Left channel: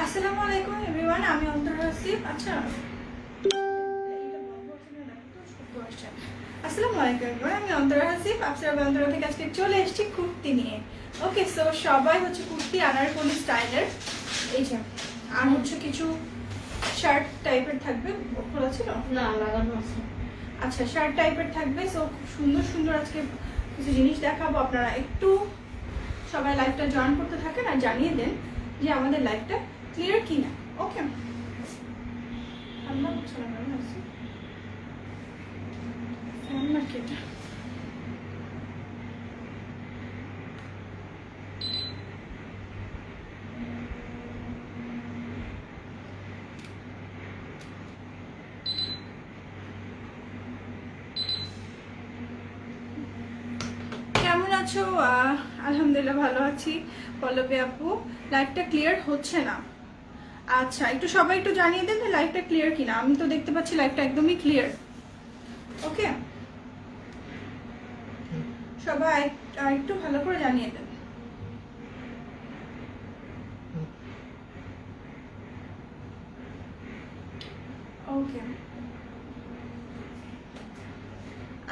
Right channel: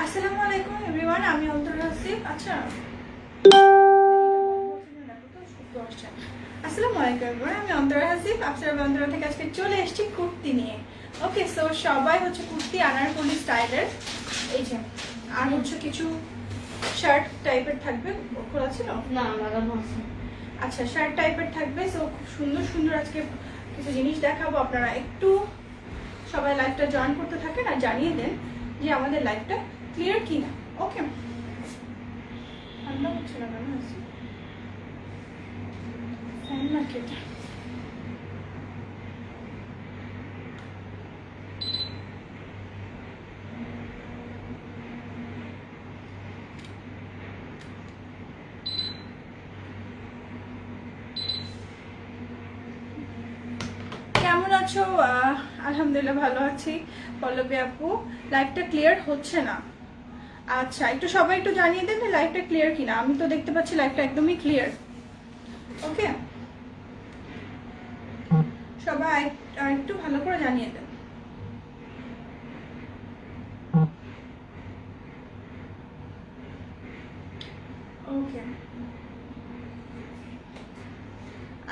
আসসালামু আলাইকুম এভরিওয়ান, আমি অন্তরা হাসিফ। আচ্ছা, আসসালামু আলাইকুম এভরিওয়ান, আমি অন্তরা হাসিফ। আপনারা অন্তরা থেকে আজকে চলে এসেছি কুর্তি নিয়ে। ওকে, সো সবাই হচ্ছে কুর্তি আনারকলি স্টাইলের। এই যে আর হচ্ছে কিছু শার্ট টাইপের থাকবে, খোলা ছিল না, লাগানো আছে। আচ্ছা, শার্ট টাইপের থাকবে। সো খুব সুন্দর সুন্দর আজকে কিছু জিনিস দেখাবো। আপনারা একটু সবাই লাইভটা জয়েন করতে থাকেন আর জানিয়ে দেন যে আমাদের লাইভটা ক্লিয়ার কিনা। ওকে, আমরা হচ্ছে না কেন আছি ফ্যান নাকি এটা? কেমন আছো? আলহামদুলিল্লাহ ভালো আছি। পল্লবী আপু, লাইভটা ক্লিয়ার হচ্ছে না। আচ্ছা, একটু সবাই একটু জানিয়ে দেন লাইভটা ক্লিয়ার কিনা। আমি তো দেখতে পাচ্ছি লাইভটা একদমই ক্লিয়ার। ওকে, সবাই একটু ভালো করে জানিয়ে দেন। ওকে,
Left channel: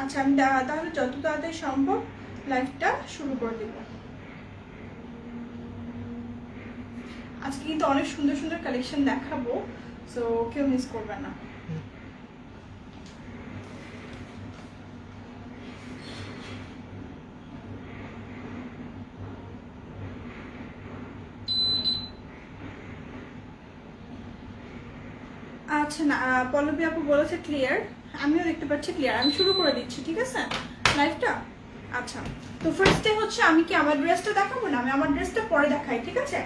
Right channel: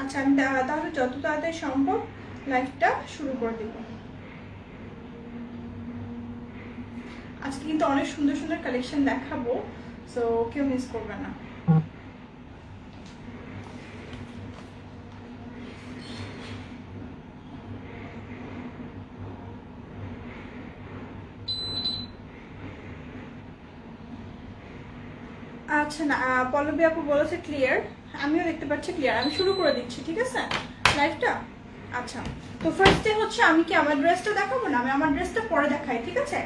আচ্ছা, আমি তাহলে যত তাড়াতাড়ি সম্ভব লাইভটা শুরু করে দেব। আজকে কিন্তু অনেক সুন্দর সুন্দর কালেকশন দেখাবো, সো কেউ মিস করবে না। আচ্ছা, না পল্লবী আপু বলেছে ক্লিয়ার, আমিও দেখতে পাচ্ছি ক্লিয়ার। আমি শুরু করে দিচ্ছি, ঠিক আছে লাইভটা। আচ্ছা, তো ফার্স্টে হচ্ছে আমি কি আমার ড্রেসটা দেখাবো না, আমি আমার ড্রেসটা পরে দেখাই, ঠিক আছে।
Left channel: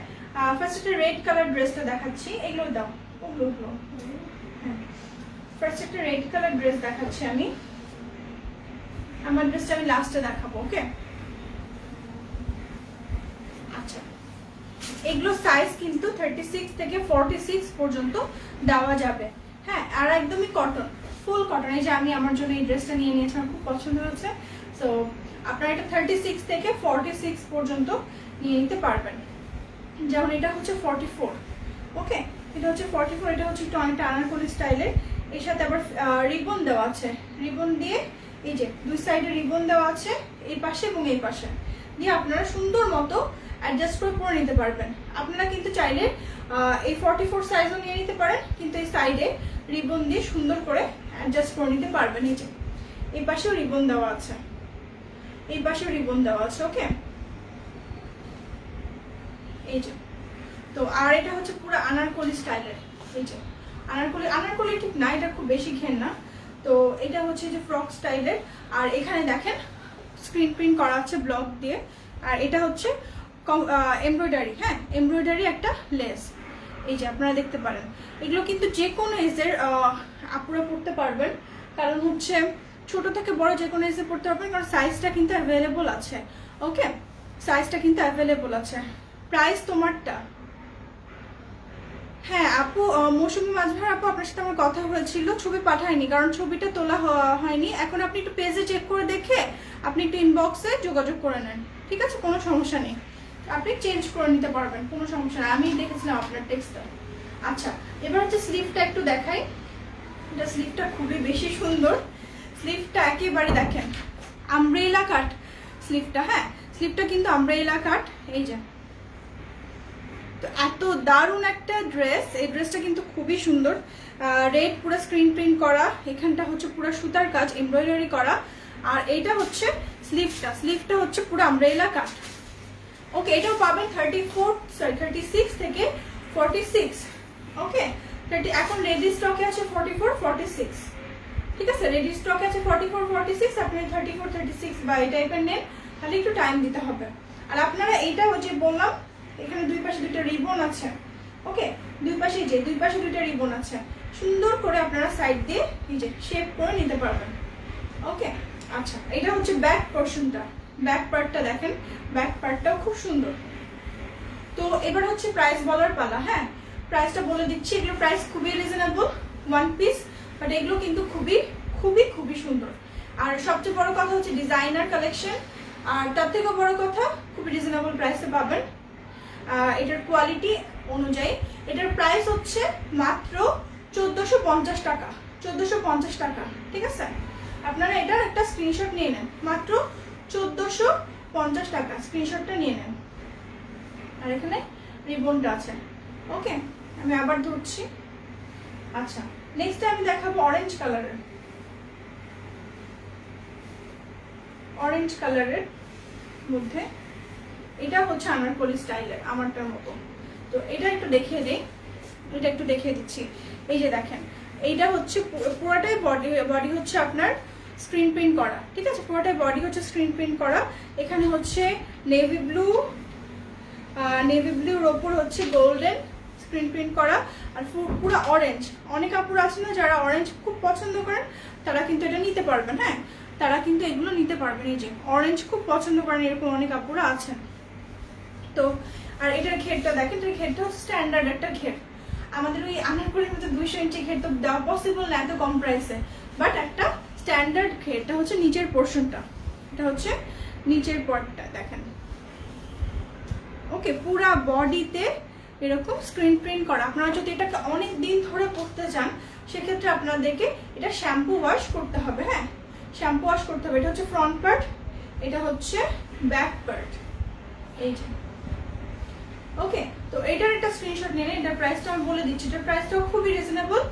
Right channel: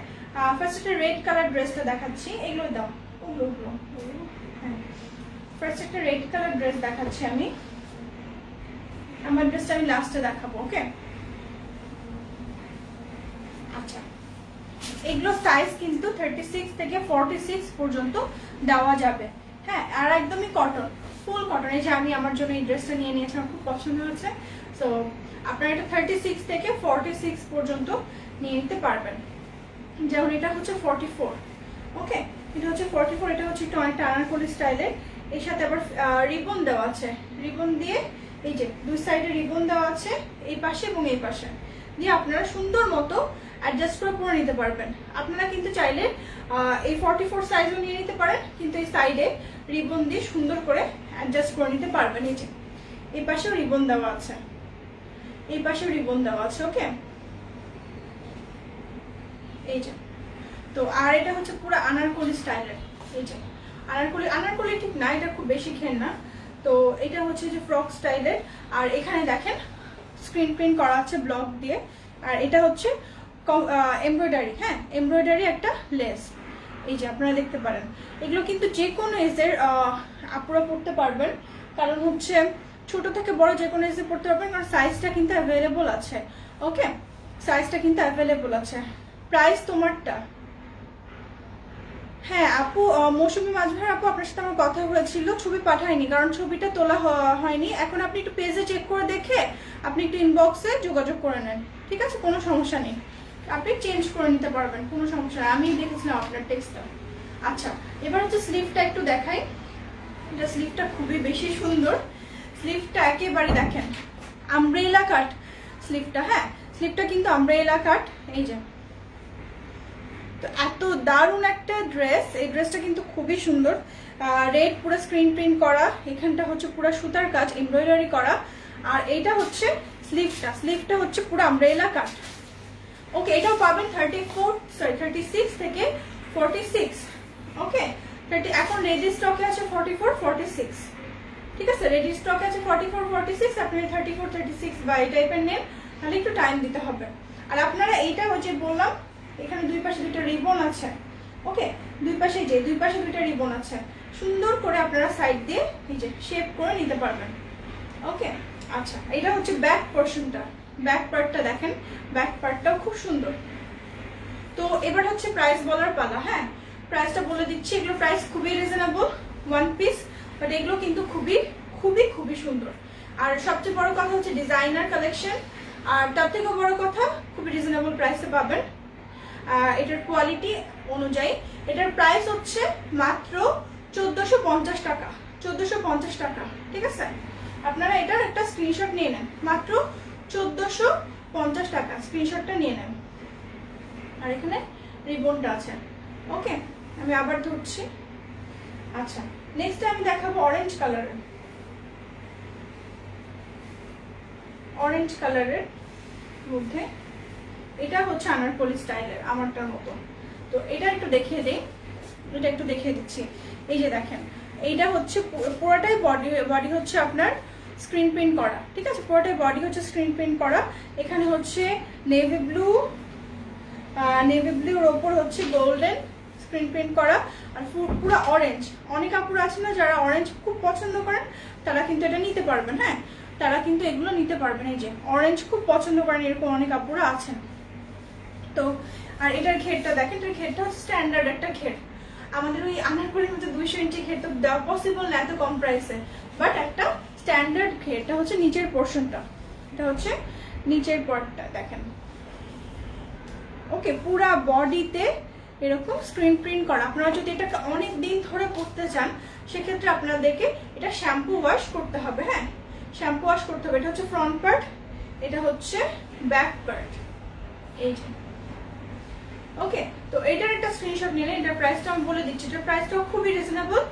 ফার্স্ট একটা রেড কালার ড্রেসটা দেখাচ্ছি। এগুলো দাও, ওগুলো হ্যাঁ। ফার্স্ট একটা রেড কালার ড্রেস দেখাচ্ছি আমি। আমার ড্রেসটা আমি লাস্টে দেখাবো। ওকে, আচ্ছা, এগুলো সাইজ কিন্তু 36 থেকে 46 পর্যন্ত দেওয়া যাবে। হ্যাঁ, আর একদমই কটন, ফুল কটন। এই যে আমি আমার জন্য এই ড্রেসটা নিয়ে নিয়েছি, আমার খুব পছন্দ হয়েছে। সো আপনারা এটা 36 থেকে 46 পর্যন্ত নিয়ে নিতে পারবেন। যেমন এটা হচ্ছে 44। ওকে, এটা হচ্ছে 44। এটা হচ্ছে একটু অনেকটা আনারকলি স্টাইলের। এর সাথে আবার রিবন দেওয়া আছে। রিবন দিয়ে এই যে দুই সাইডে রিবন দেওয়া আছে, এই পাশে এবং এই পাশে, দিয়ে আপনারা সুন্দর মতো অ্যাডজাস্ট করে পরে নিতে পারবেন। আপনারা কিন্তু চাইলে এই 44 সাইজও নিয়ে নিতে পারেন, কিন্তু এই সাইডে রিবন দিয়ে সুন্দর করে অ্যাডজাস্ট করে নিতে পারবেন। এই যে এই পাশেও রিবন দেওয়া আছে, এই পাশেও রিবন দেওয়া আছে। ওকে, এই যে তো আর এটা হচ্ছে পুরো আনারকলি স্টাইলের। এই যে আনারকলি ঠিক না, এটা খুব বেশি ঘের না। তো এটা হচ্ছে যে ফ্রক স্টাইলের। আর এখানে দেখেন স্ক্রিন প্রিন্ট করা আছে ব্লক দিয়ে। আর এটা হচ্ছে এমব্রয়ডারি। হ্যাঁ, এমব্রয়ডারি একটা লেস। এই যে আপনারা দেখতে পারেন, এগুলো কিন্তু যে কোনো এজের আপুরা পড়তে পারবেন। কারণ হচ্ছে ছোট থেকে বড় যে কোনো এজে পড়তে পারবেন, কারণ সাইজটা কিন্তু অ্যাভেলেবল আছে। ওকে, সাইজটা কিন্তু অ্যাভেলেবল আছে। প্রাইস তোমারটা, হ্যাঁ আপু, মৌসুমী মাঝভার আপু, আপনার সাথে আমার কথা হয়েছিল, ছবি পাঠায়নি কারণ ছবিটা তোলা হয়নি। এখন আপনি একটু পেজে চেক করে দেখে আপনি একটু ইনবক্সে যোগাযোগ করে নেন, ঠিক আছে? কোনো সমস্যা নেই, আপনি চেঞ্জ করে নিতে পারবেন, কোনো সমস্যা নেই। আমি দেখেছিলাম আপনার টেক্সটটা। আচ্ছা, এবার হচ্ছে স্লিভটা একটু দেখাই। এটা স্লিভটা খুবই বেশি সুন্দর। স্লিভটা একেবারে দেখেন আমব্রেলা কাট স্লিভটা। হ্যাঁ, স্লিভটা কিন্তু আমব্রেলা কাট। এই যে এত দারুণ একটা ড্রেস। এই ড্রেসটা কিন্তু খুবই সুন্দর। রেড পুরো স্ক্রিন প্রিন্ট করা, এখানটা হচ্ছে পুরো সুতার কাজ এমব্রয়ডারি করা। আর এটা হচ্ছে স্লিভটা হচ্ছে পুরো আমব্রেলা কাট। ওকে, এটাও পাবেন 36 থেকে 46। ওকে, এখন রেডি স্টকে আছে 44, 46, ঠিক আছে? রেডি স্টকে আছে 44, 46। আপনি 34, 36 বা এই টাইপের নেন, তাহলে একটু টাইম দিতে হবে। আর আপনারা এইটা ওই যে বললাম, এখানে দুই পাশে দুটো রিবন আছে। ওকে, দুই পাশে দুটো রিবন আছে। সুন্দর করে আপনারা সাইড দিয়ে এই যে শেপ করে নিতে পারবেন। ওকে, আচ্ছা, এটা হচ্ছে ব্যাক পোর্শনটা। ব্যাক পার্টটা দেখেন, ব্যাক পার্টটাও খুব সুন্দর। তো এবার হচ্ছে প্রাইস বলার পালা। হ্যাঁ, প্রাইসটা বলে দিচ্ছি। এগুলো প্রাইস খুবই রিজনেবল, ওয়ান পিস, বাট এগুলো কিন্তু খুবই খুবই খুবই সুন্দর। আর সবচেয়ে বড় কথা হচ্ছে ডিজাইনার কালেকশন। আর তার থেকেও বড় কথা, খুবই রিজনেবল প্রাইসে পাবেন। এটার কোয়ালিটি অনুযায়ী। এটার প্রাইস হচ্ছে মাত্র 1450 টাকা, 1450 টাকা, ঠিক আছে? আপনারা এটার একটা স্ক্রিনশট নিয়ে নেন, মাত্র 1450 টাকা, স্ক্রিনশটটা নিয়ে নেন। আর এখানে রিবনটা আছে। ওকে, আমি আবার ধরছি। আচ্ছা, নেক্সট আমি দেখাবো অরেঞ্জ কালারের, অরেঞ্জ কালারের মধ্যে এটা হচ্ছে আনারকলি স্টাইলের, আমারটার মতো। তো এটা একটু দেখিয়ে দিই, এটা একটু দেখিয়ে দিচ্ছি। এই যে দেখেন, এইটা হচ্ছে পুরোটাই বডি হচ্ছে আপনার স্ক্রিন প্রিন্ট করা, ঠিক আছে? পুরোটাই বডি হচ্ছে স্ক্রিন প্রিন্ট করা। এখানে হচ্ছে নেভি ব্লুর ওপর হচ্ছে গোল্ডেন স্ক্রিন প্রিন্ট করা, আর পুরো অরেঞ্জ। অনেক আপুরা আছে না যারা অরেঞ্জ খুব পছন্দ করেন, তারা কিন্তু এটা নিতে পারবেন। হ্যাঁ, তারা কিন্তু এগুলো নিতে পারবেন। এই যে অরেঞ্জ খুব পছন্দ করেন, এরকম অনেক আপুরা আছেন। তো আর এটার ঘেরটা দেখেন, এটার ঘেরটা হচ্ছে স্ট্যান্ডার্ড একটা ঘের। আমাদের ওই আনারকলির মধ্যে 200 ইঞ্চি ঘের তো দেওয়া পসিবল না এত কম প্রাইসে, বাট একটা স্ট্যান্ডার্ড ঘেরটা হচ্ছে নিচের পোর্শনটা, এটা হচ্ছে নিচের পার্টটা দেখেন। ওকে, পুরা বডিতে এরকম স্ক্রিন প্রিন্ট করা। আপনারা যদি এটাকে অনেক দিন ধরে পরতে চান, সেক্ষেত্রে আপনাদেরকে এটা শ্যাম্পু ওয়াশ করতে হবে। হ্যাঁ, শ্যাম্পু ওয়াশ করতে হবে। এটা হচ্ছে ফ্রন্ট পার্ট, এটা হচ্ছে ব্যাক পার্ট, এই যে। ওকে, তো এটার একটা স্ক্রিনশট নিয়ে নেন। এটার প্রাইসটা আমি বলে দিচ্ছি, এটার প্রাইসটাও খুবই রিজনেবল,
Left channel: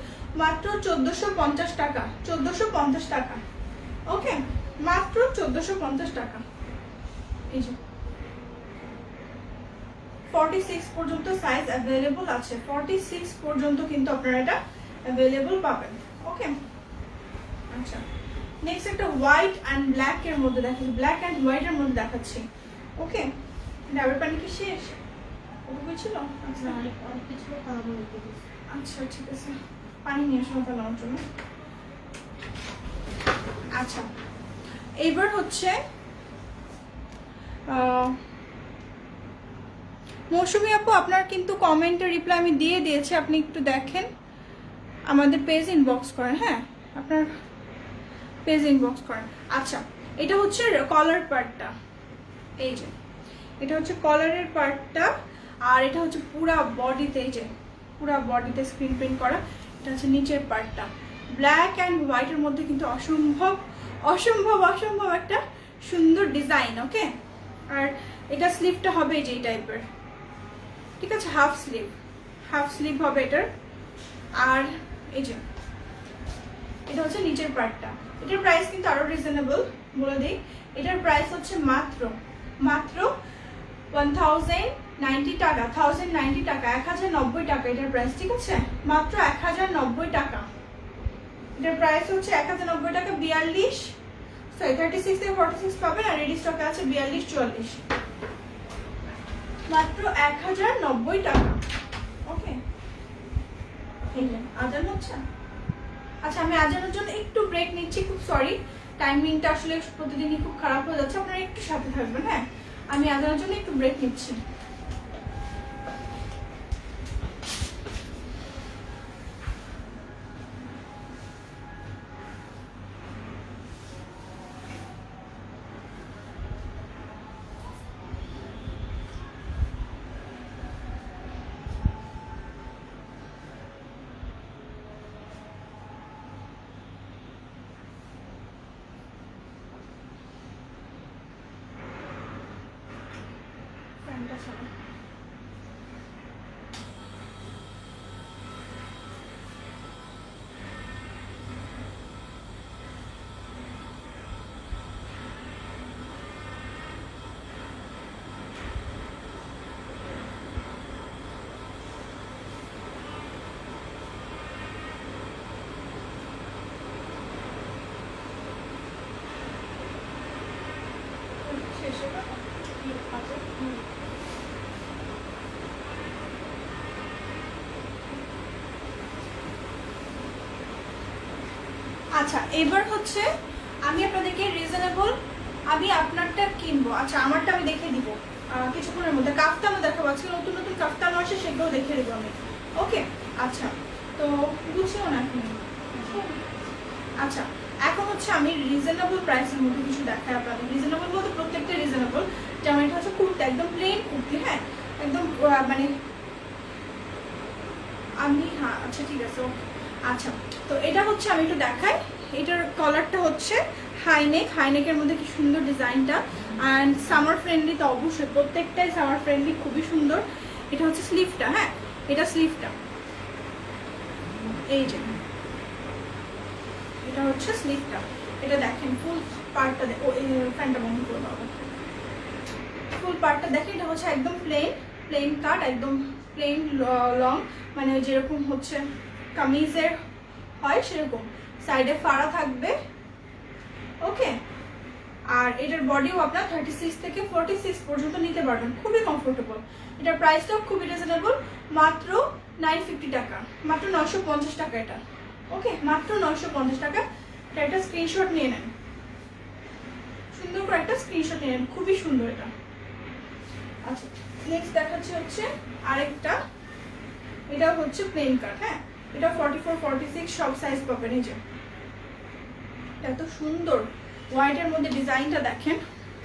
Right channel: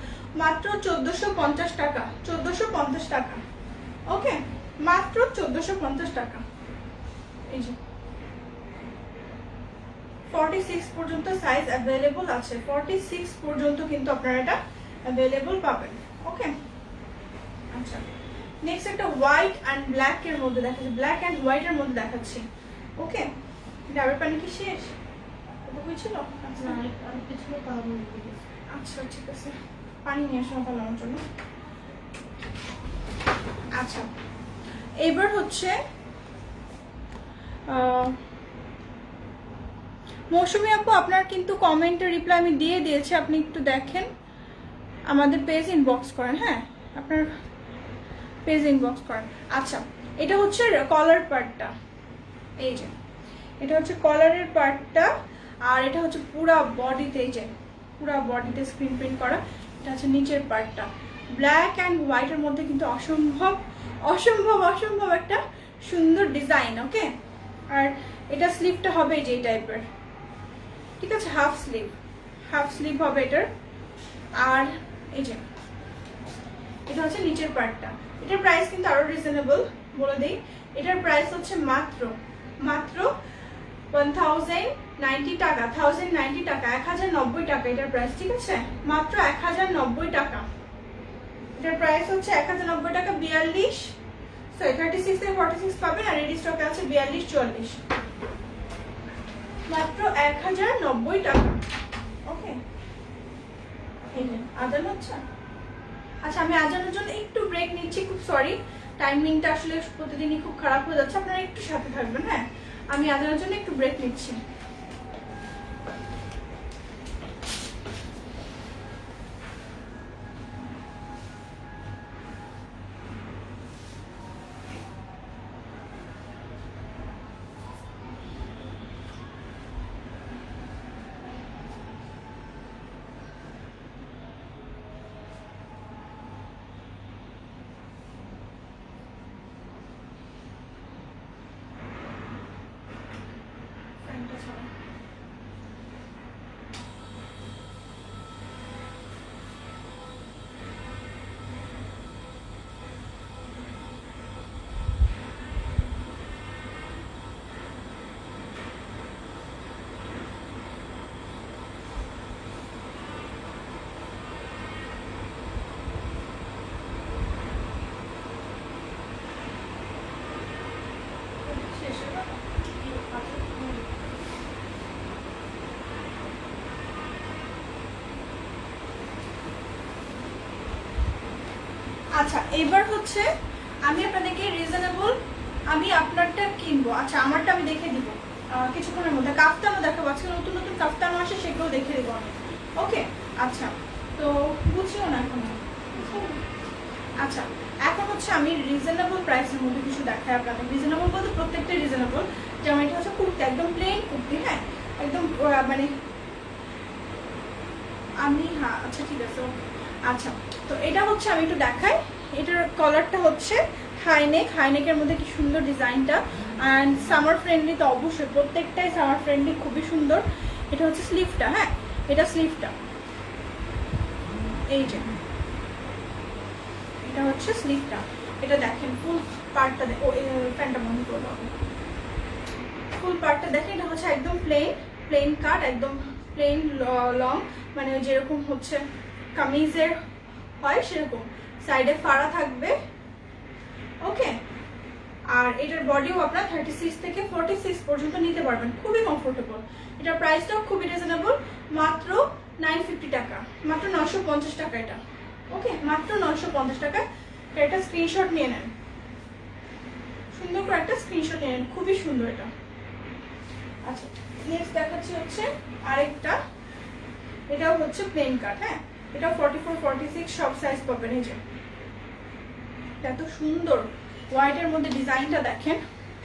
মাত্র 1450 টাকা, 1450 টাকা। ওকে, মাত্র 1450 টাকা। এই যে 46 পর্যন্ত সাইজ অ্যাভেলেবল আছে, 46 পর্যন্ত কিন্তু আপনারা এটা অ্যাভেলেবল পাবেন। ওকে, আচ্ছা, নেক্সট একটা হোয়াইট অ্যান্ড ব্ল্যাক এর মধ্যে দেখাচ্ছি, ব্ল্যাক অ্যান্ড হোয়াইট এর মধ্যে দেখাচ্ছি। ওকে, ডাবের পানি কি শেষ? ছিল? আচ্ছা, ঠিক আছে, পানি নিয়ে আসো তাহলে আমার জন্য। আচ্ছা, এইবার হচ্ছে মৌসুমী আপু, আপনার কিন্তু কমেন্টের রিপ্লাই আমি দিয়ে দিয়েছি, আপনি একটু দেখেন, আমাদের পেজ ইনবক্স করেন। হ্যাঁ, আপনার পেজ ইনবক্স করেন। আচ্ছা, এটা হচ্ছে কলার পার্টটা, এই যে এটা হচ্ছে কলারের পার্টটা, আর এটা হচ্ছে পুরা বডিতে, এই যে পুরা বডিতে স্ক্রিন প্রিন্ট করা। এটা হচ্ছে নিচের পার্টটা, ব্ল্যাক অ্যান্ড হোয়াইটের মধ্যে কিন্তু অসম্ভব অসম্ভব অসম্ভব একটা সুন্দর ডিজাইন। ওকে, আর এটা স্লিভটা হবে যে এই টাইপের, ঠিক আছে? হাফ স্লিভ হবে এটার। আর এই যে এটা হচ্ছে নিচের পার্টটা। এটার প্রাইস কিন্তু আরো রিজনেবল, বলে দিই। এটার প্রাইস হচ্ছে মাত্র 1090 টাকা, 1090 টাকা, 1090 টাকা এটার প্রাইস, ঠিক আছে? মাত্র 1090 টাকা এটার প্রাইস হচ্ছে, 1090 টাকা। 42, সরি 36 থেকে 46 পাবেন, আর রেডি স্টকে আছে 42, 44, মাত্র 1090 টাকা। ওকে, আজান হচ্ছে। আচ্ছা, আমি আজানের জন্য একটু ব্রেক নিচ্ছি, খুব সরি, টাইমিংটা আসলে প্রতিদিনই খুব খারাপ হয়ে যাচ্ছে, আপনারা একটু সাথে থাকবেন। হ্যাঁ, আমি আজানের জন্য একটু ব্রেক নিচ্ছি। আচ্ছা, এবার হচ্ছে আমি আপনাদেরকে রিজনেবল, আমি আপনারটা কিনবো। আচ্ছা, আমারটা আমি দেখে দিব কিছুক্ষণের মধ্যে। কাফতানও দেখাবো, আজকে নতুন নতুন কাফতান আসে, সেগুলো দেখে দেবো আমি। ওকে, আচ্ছা, তো বুঝছিও না এখন। আচ্ছা, এখন হচ্ছে আমি রিজনেবল প্রাইসের মধ্যে কিছু দেখাই আপনাদের। রিজনেবল বলতে প্রত্যেকটা রিজনেবল। যেমন এটা হচ্ছে কুর্তি, একদম প্লেন কুর্তি। হ্যাঁ, একদম মানে আমি, হ্যাঁ আচ্ছা ঠিক আছে ওকে। আচ্ছা, তো এটা হচ্ছে আমি একটু দেখাই। এটার কলারটা হচ্ছে হাইনেক, হাইনেকের মধ্যে কি সুন্দর ডিজাইনটা, অ্যান্ড সামার ফ্রেন্ডলি তো অবশ্যই, প্রত্যেকটাই সামার ফ্রেন্ডলি, খুবই সুন্দর। এটা হচ্ছে স্লিভটা, হ্যাঁ এটা স্লিভটা, এই যে এটা হচ্ছে স্লিভটা। এটা দেখেন ফুল পার্টটা, প্যান্টটা বন্ধ করে দাও, ফুল পার্টটা দেখেন। এটা হচ্ছে একদম প্লেন কাট, একদম প্লেন লং, মানে যেরকম হচ্ছে কামিজের হয় সেরকম, সাইডে ফাড়া থাকবে, ওকে। আর এটার বডিও আপনার 36 থেকে 46 পর্যন্ত নিতে পারবেন, খুবই কমফোর্টেবল। এটার প্রাইসটাও খুবই রিজনেবল, মাত্র 950 টাকা, মাত্র 950 টাকা এটা, ওকে, মাত্র 950 টাকা। এটা স্ক্রিনশট নিয়ে নেন, সুন্দর করে একটা স্ক্রিনশট নিয়ে নেন, খুবই সুন্দর এটা। আচ্ছা, নেক্সট দেখাচ্ছি হচ্ছে আরেকটা, এটাও হচ্ছে প্লেন কাট, হ্যাঁ এটা 44 46 সব সাইজ পাবেন। এই যে এত সুন্দর হোয়াইটের মধ্যে ডিজাইনটা দেখেন,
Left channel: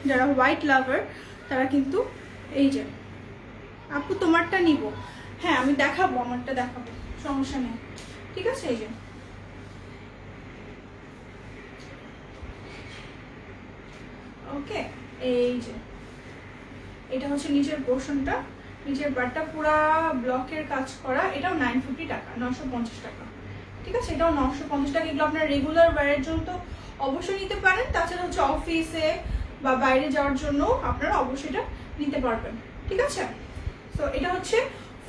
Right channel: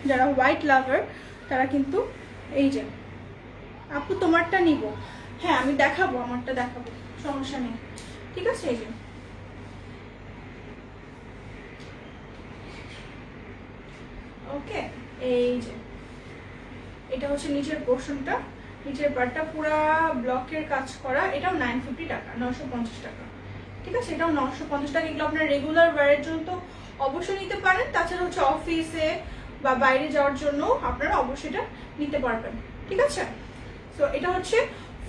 যারা হোয়াইট লাভার তারা কিন্তু, এই যে আপু তোমারটা নিব, হ্যাঁ আমি দেখাবো, আমারটা দেখাবো, সমস্যা নেই, ঠিক আছে। এই যে ওকে, এই যে এটা হচ্ছে নিচের পোর্শনটা, নিচের পার্টটা পুরা ব্লকের কাজ করা, এটাও 950 টাকা, 950 টাকা, ঠিক আছে, এটাও 950 টাকা। এগুলো আপনার রেগুলার ওয়্যারের জন্য তো অবশ্যই নিতে পারেন, তাছাড়া হচ্ছে অফিসে বা বাইরে যাওয়ার জন্য আপনারা অবশ্যই এটা নিতে পারবেন, ঠিক আছে। সো এটা হচ্ছে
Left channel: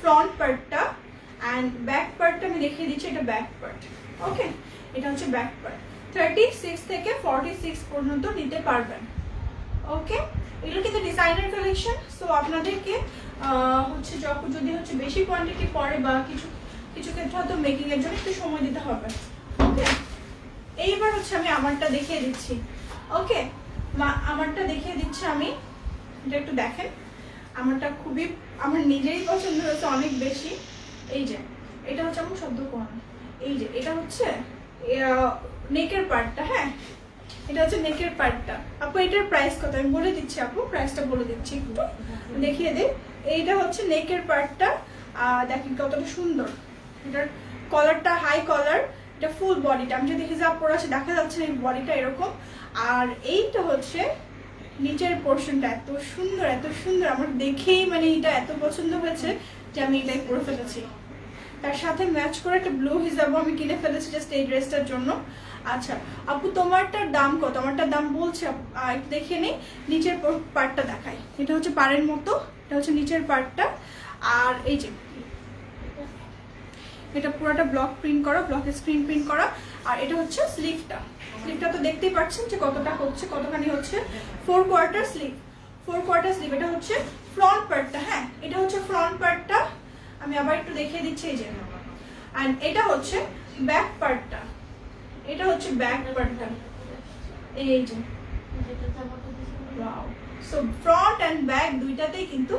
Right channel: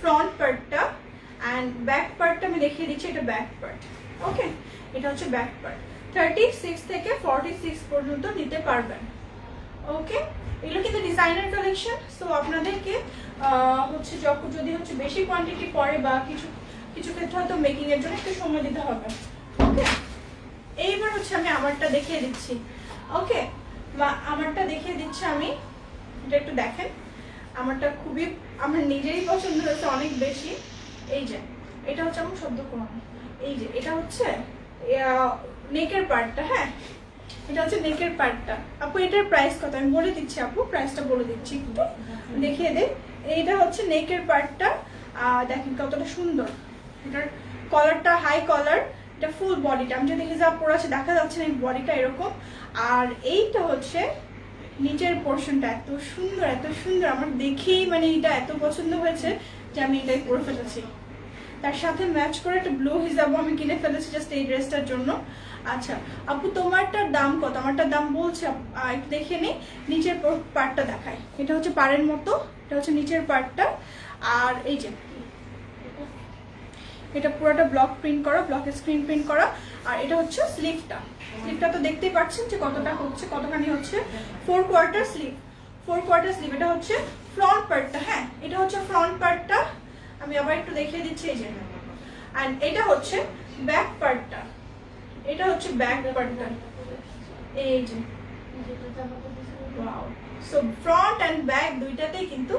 ফ্রন্ট পার্টটা, অ্যান্ড ব্যাক পার্টটা আমি দেখিয়ে দিচ্ছি, এটা ব্যাক পার্ট, ওকে, এটা হচ্ছে ব্যাক পার্ট। 36 থেকে 46 পর্যন্ত নিতে পারবেন, ওকে। এগুলো কিন্তু ডিজাইনার কালেকশন, সো আপনাদেরকে হচ্ছে যদি হচ্ছে বেশি কোয়ান্টিটি পড়ে বা কিছু কিছু ক্ষেত্রে হয়তো মেকিং এর জন্য একটু সময় দিতে হবে, ওকে। এইবার হচ্ছে আমি আমারটা দেখিয়ে দিচ্ছি, ওকে, আমারটা দেখিয়ে দিচ্ছি আমি, এটা একটু দেখেন। আমারটা খুবই আমার নিজেরই পছন্দ হয়েছে অনেক বেশি। এই যে এটা হচ্ছে আমার শব্দ কোন, এই যে এটা হচ্ছে নেকের পার্টটা, হ্যাঁ এটা হচ্ছে নেকের পার্টটা। আপু এটার প্রাইস কত আমি বলে দিচ্ছি, আপু প্রাইসটা বলে দিচ্ছি, একটু দেখিয়ে দিই। এইটা হচ্ছে নেকের পার্টটা, দেখেন কতটা সুন্দর, এটার কলারটা হাই কলার, এটা ফুল বডিটা, আমি যদি হিজাব পরে আছে দেখা যাচ্ছে না, এই বডিটা এরকম। আর এইটা হচ্ছে নিচের পোর্শনটা, এত সুন্দর এত সুন্দর, আমার দেখেই মানে এটা এত পছন্দ হয়েছে যে আমি এটাই পরে ফেলেছি। তার সাথে ম্যাচ করে একটা ব্লু হিজাবও আমি কিনে ফেলেছি জাস্ট এই ড্রেসটার জন্য। আচ্ছা আপু তোমারটার দাম কত? আমারটার দাম বলছি, একটু দেখিয়ে নিই, নিচের পার্টটা দেখায়, এটা হচ্ছে পাড়ের মতো, এটা হচ্ছে নিচের পার্টটা। আর এই যে এটা পুরোটা ব্লক প্রিন্ট করা, ব্লকের স্ক্রিন প্রিন্ট করা। আর এটা হচ্ছে স্লিভটা, স্লিভটা তো দেখতেই পাচ্ছেন যে কতটা হচ্ছে, কতখানি হচ্ছে, 4 কোয়ার্টার স্লিভ, 4 কোয়ার্টার স্লিভ। এটা হচ্ছে ফ্রন্ট পার্টটা, হ্যাঁ এটা হচ্ছে ফ্রন্ট পার্টটা, আমি আবার একটু দেখিয়ে দিচ্ছি, এই যে। এন্ড এটা হচ্ছে ব্যাক পার্টটা, এটা হচ্ছে ব্যাক পার্টটা, এই যে। সো ফ্রন্ট এন্ড ব্যাক দুইটাতেই কিন্তু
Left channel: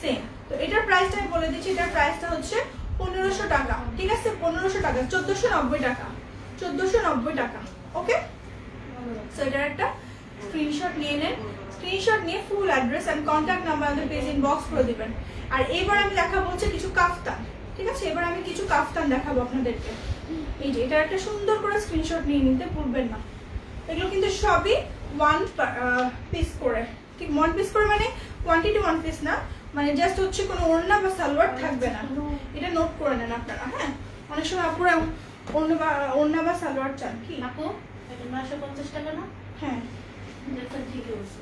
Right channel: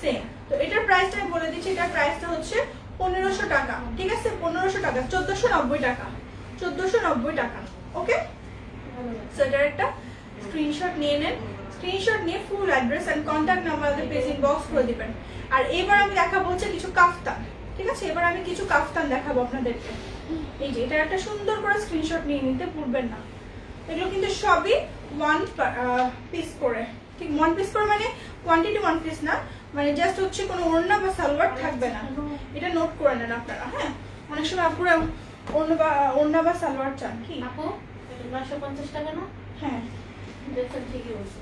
সেম। তো এটার প্রাইসটা আমি বলে দিচ্ছি, এটার প্রাইসটা হচ্ছে 1500 টাকা, ঠিক আছে 1500 টাকা, 1490 টাকা, 1490 টাকা, ওকে। সো এটার একটা স্ক্রিনশট নিয়ে নেন, স্ক্রিনশট নিয়ে full address and contact number আমাদের পেজ ইনবক্স করে দিবেন। আর এবার আমি দেখাবো হচ্ছে কিছু কাফতান, ঠিক আছে, এবার আমি কিছু কাফতান দেখাবো আপনাদেরকে। এই যে এটা একটা সুন্দর করে স্ক্রিনশট নিয়ে নিতে ভুলবেন না। এগুলো কিন্তু সবই 1 পিস করে, ঠিক 1 পিস করে, মানে কোয়ান্টিটি 1 পিস না, মানে জাস্ট হচ্ছে কোনো ওড়না বা সালোয়ার থাকবে না, এটা নোট করে নেন আপনারা। হ্যাঁ অনেক সময় আপুরা ওড়না বা সালোয়ার চান, কি আপু এটা 950 টাকা না? হ্যাঁ ঠিকই বলছো।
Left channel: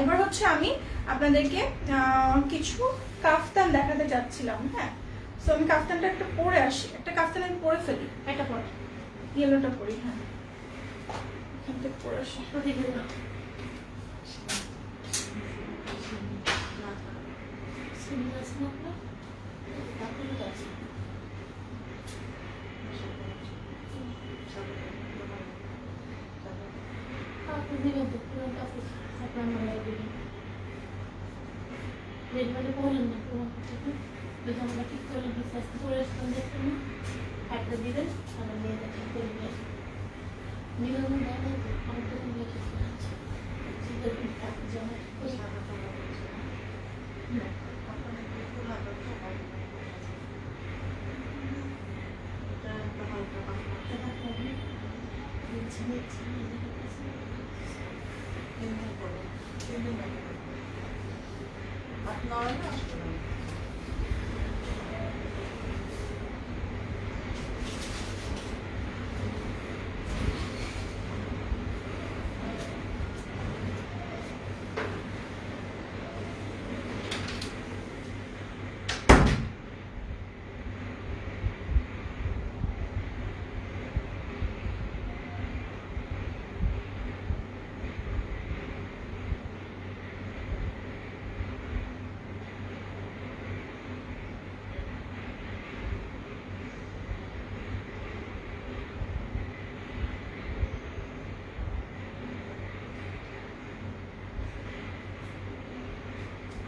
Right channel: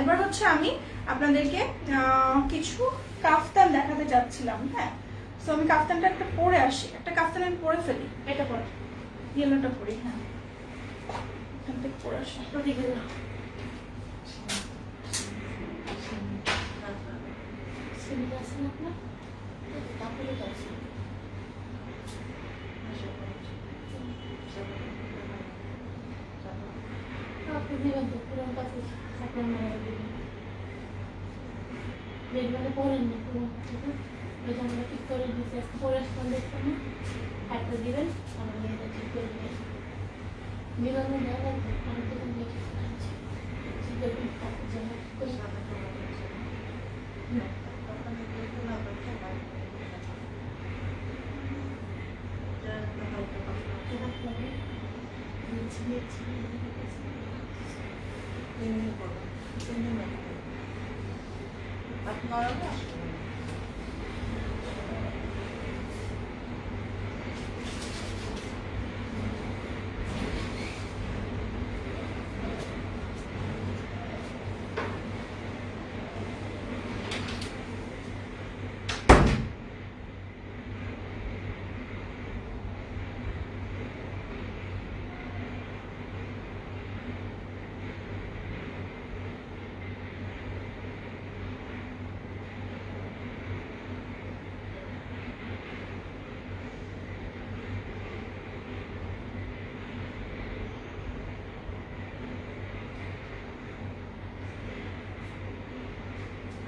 এবার হচ্ছে আমি আপনাদেরকে কিছু কাফতান দেখাতে যাচ্ছিলাম, হ্যাঁ। সো আমি কাফতানটা একটা পরে আসি, একটা কাফতান আমি পরে ফেলি, এটা পড়ো, ইয়েলোটা পরি, হ্যাঁ এখান থেকে পরে আসি। তো দেখে নাও। সিমিলার আছে না আপনার? তারপরে তো আছে। আপনি দিবেন তো, পুরো কাপড় আপনার মনে দিবেন। রেডমেডে পরেন না পুরো কাপড়, যদি আমরা ঠিক করে দিচ্ছি আজকে পরে দেখবেন না, হাতটা দিবেন, আমরা মেয়েদের ঠিক করে নিয়ে আসবেন। মিলানো দেয় তো, আমার তো মেয়ে ঠিক করে আছে, ঠিক করে কাপড় জামা ঠিক করে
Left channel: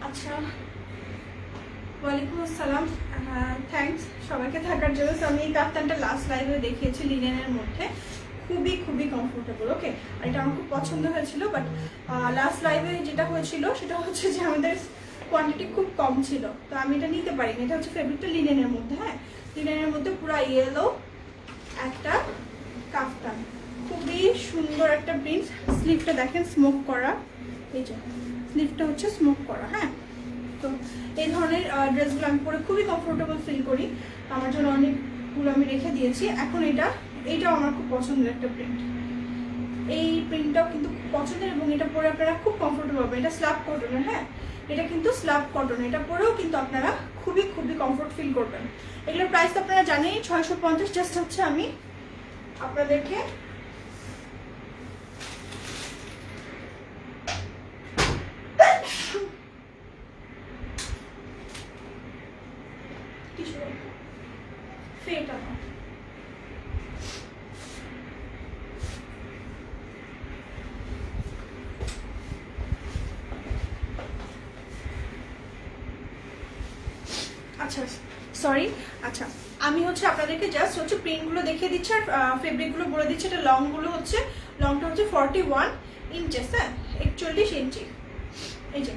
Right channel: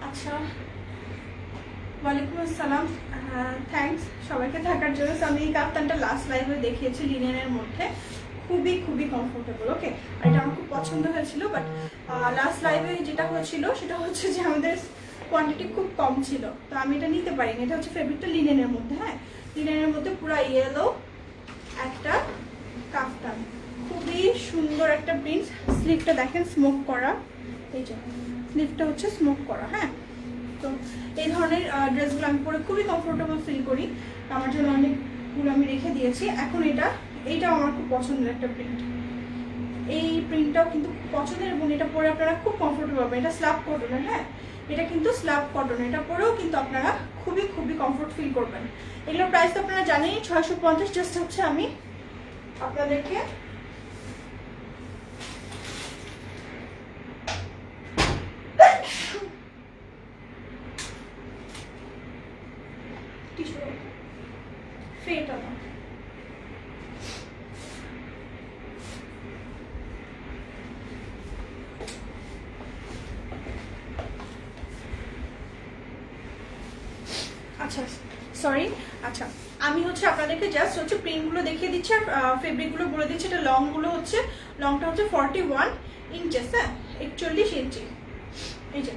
আচ্ছা, ওয়ালাইকুম আসসালাম, থ্যাঙ্কস সবাইকে থাকার জন্য। আমি এই কাপ্তানটা লাস্ট লাইভে দেখিয়েছি লিনেনের মধ্যে, খুবই খুবই কমফোর্টেবল। ওকে, আর এটা আমার খুব পছন্দ হয়েছিল, বাট লাস্ট লাইভে যেটা হয়েছিল সেটা হচ্ছে যে আমাদের কোয়ান্টিটি খুব কম ছিল, তো আমি এটা নিতে পারিনি। এটা হচ্ছে ফেব্রিকটা লিনেনের মধ্যে, হ্যাঁ লিনেনের মধ্যে পুরো ইয়েলো একটা কাফতান, খুবই সুন্দর একটা প্রিন্ট। স্লিভটা দেখেন স্মোক করা, এই যে স্লিভটা হচ্ছে স্মোক করা। হ্যাঁ, তো এই ধরনের ড্রেসগুলো আমি পরে খুবই কমফোর্টেবল ফিল করি, আমার জন্য অনেকগুলো আমি রেখে দিয়েছি। এখন এইটাও আমার খুব পছন্দের একটা প্রিন্ট, এই প্রিন্টটাও কিন্তু খুব পছন্দের, এবং এটা পরে আপনারা খুব কমফোর্টেবল পাবেন। এটা স্ল্যাব কটনের, হ্যাঁ এটা কিন্তু স্ল্যাব কটন, এটা পরেও কিন্তু আপনারা খুবই খুবই কমফোর্ট ফিল করবেন। এগুলোর প্রাইস আপনারা জানেন 650। জাস্ট হচ্ছে আমি আপনাদেরকে ফ্রেটা না, আচ্ছা সরি, আচ্ছা আমি হচ্ছে আপনাদেরকে জাস্ট হচ্ছে প্রিন্টগুলো দেখিয়ে দিচ্ছি আর ফেব্রিকগুলো বলে দিচ্ছি। এটা লংগুলো হচ্ছে, লংটা হচ্ছে 41 ইঞ্চেস, হ্যাঁ 41 ইঞ্চি, এই যে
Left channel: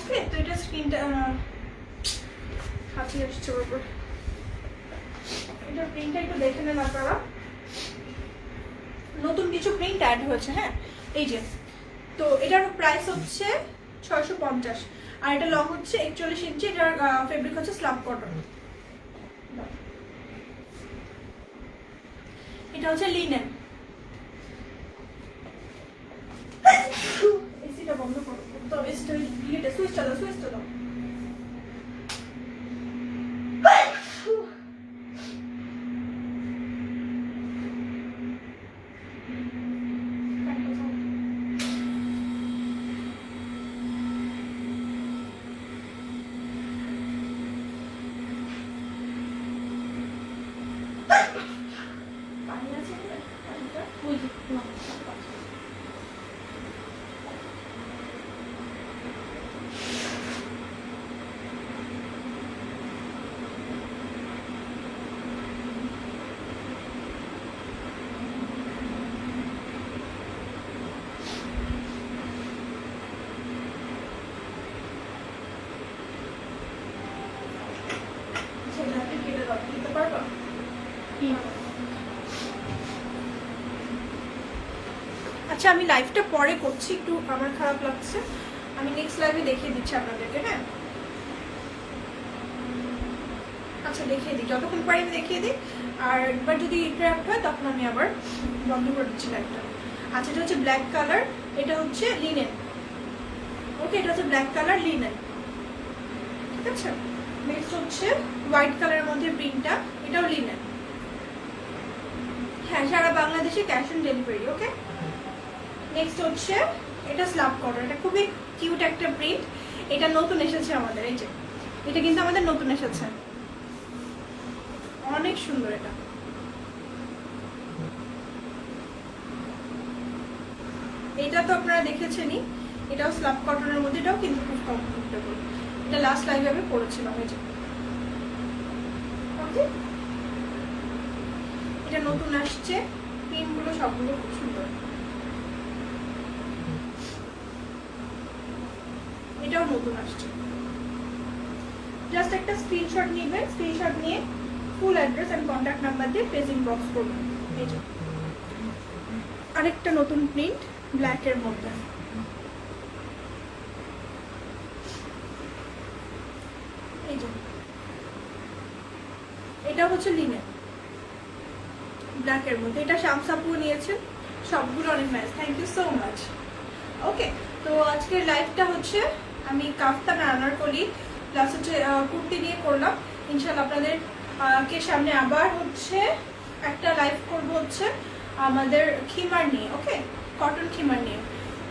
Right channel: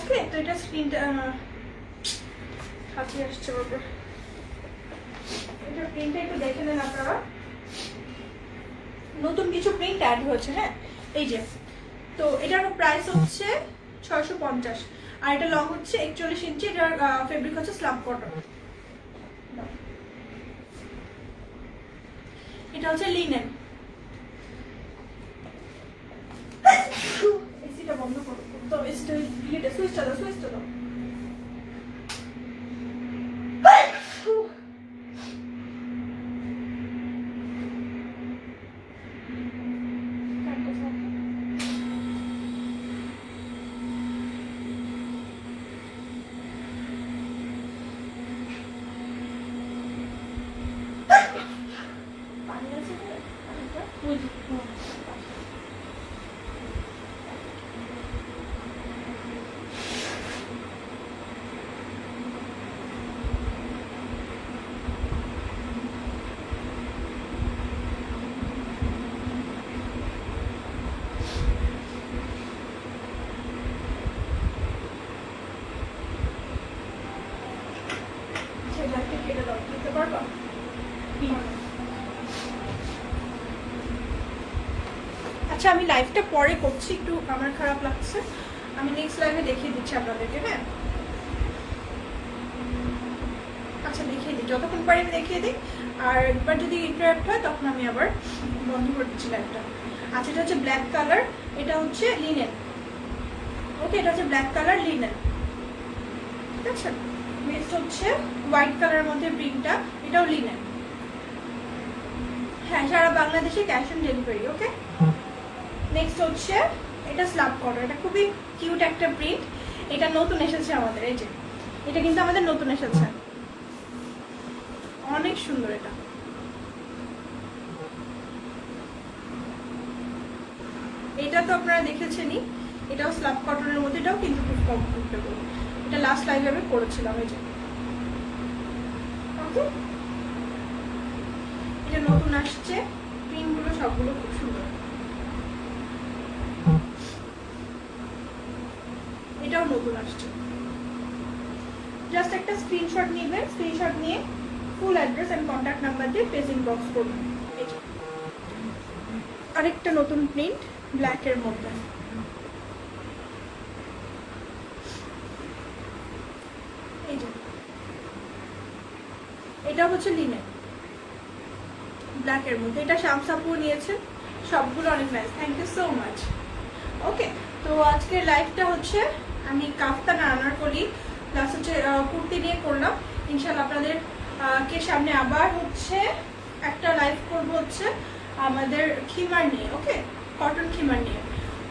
ওকে। তো এটা স্ক্রিনটা হাতে আসছে বাবা, এটা প্রিন্টটা একটু দেখে নেন আপনারা, নতুন কিছু প্রিন্ট অ্যাড হয়েছে। হ্যাঁ এই যে, তো এটার প্রাইস হচ্ছে 650, আর এটা লং হচ্ছে 41 ইঞ্চি, এটার ফেব্রিক হচ্ছে স্ল্যাব কটন, এটা হচ্ছে লিনেন। এসিটা বন্ধ করো, তো এসিটা সুইচটা দাও, সুইচটা দাও। আচ্ছা আমি লাইভটা পরে করছি, একটু আমার খারাপ লাগছে, আমি নেক্সট লাইভে দেখিয়ে দিচ্ছি আপনাদেরকে। হ্যাঁ আচ্ছা দেখিয়ে দিই, যতক্ষণ পারি আমি দেখিয়ে দিই, আর একবার যদি ইন্টারাপ্ট হয় তখন আমি আবার বন্ধ করে দিচ্ছি লাইভটা। আচ্ছা এটা হচ্ছে ব্ল্যাক কালার, এটা হচ্ছে লিনেন। ওকে, এটা হচ্ছে ব্ল্যাক কালার লিনেন, ঠিক আছে। নেক্সট হচ্ছে হোয়াইট কালারের মধ্যে প্রিন্টটা, এটাও লিনেন। হ্যাঁ সারা বাংলাদেশে cash on delivery. Okay, next হচ্ছে এটা স্ল্যাব কটন, এটা খুবই কিউট একটা প্রিন্ট, এটা নতুন এসেছে আমাদের, এই যে এটা কিন্তু আমাদের নতুন এসেছে, অনেক সুন্দর। এটা তো আপনারা দেখেছেনই, এটাও স্ল্যাব কটনের মধ্যে, এটাও কিন্তু খুব কমফোর্টেবল। এটা লাস্ট লাইভে আমি পরেছিলাম, এই যে ওকে। এটা নতুন আসছে, প্রিন্টগুলো সবগুলো খুব সুন্দর। নতুন আসছে। জাস্ট একটা স্ক্রিনশট নেবেন, স্ক্রিনশট নিয়ে full address and contact number দিয়ে পেজ ইনবক্স করবেন। এই যে আরেকটা নতুন প্রিন্ট ব্ল্যাক এর মধ্যে, এই যে এটা হচ্ছে লিনেন ব্ল্যাক এর মধ্যে। এটা শামসাপুর নিয়েছেন, সবগুলো অনেক nice, thank you so much. Okay, তো আজকের লাইভটা হচ্ছে আমি কাফতান আনারকলি প্লাস হচ্ছে কুর্তি নিয়ে করলাম। ইনশাল্লাহ আপনাদের কে সামনে আবার হচ্ছে একটা লাইভ করব হচ্ছে আমাদের খিমার নিয়ে, ওকে, কটন খিমার নিয়ে,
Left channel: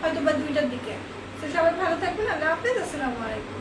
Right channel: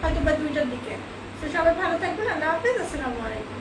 হয়তো বা 2টার দিকে। তো সবাই ভালো থাকবেন, আল্লাহ হাফিজ, আসসালামু আলাইকুম।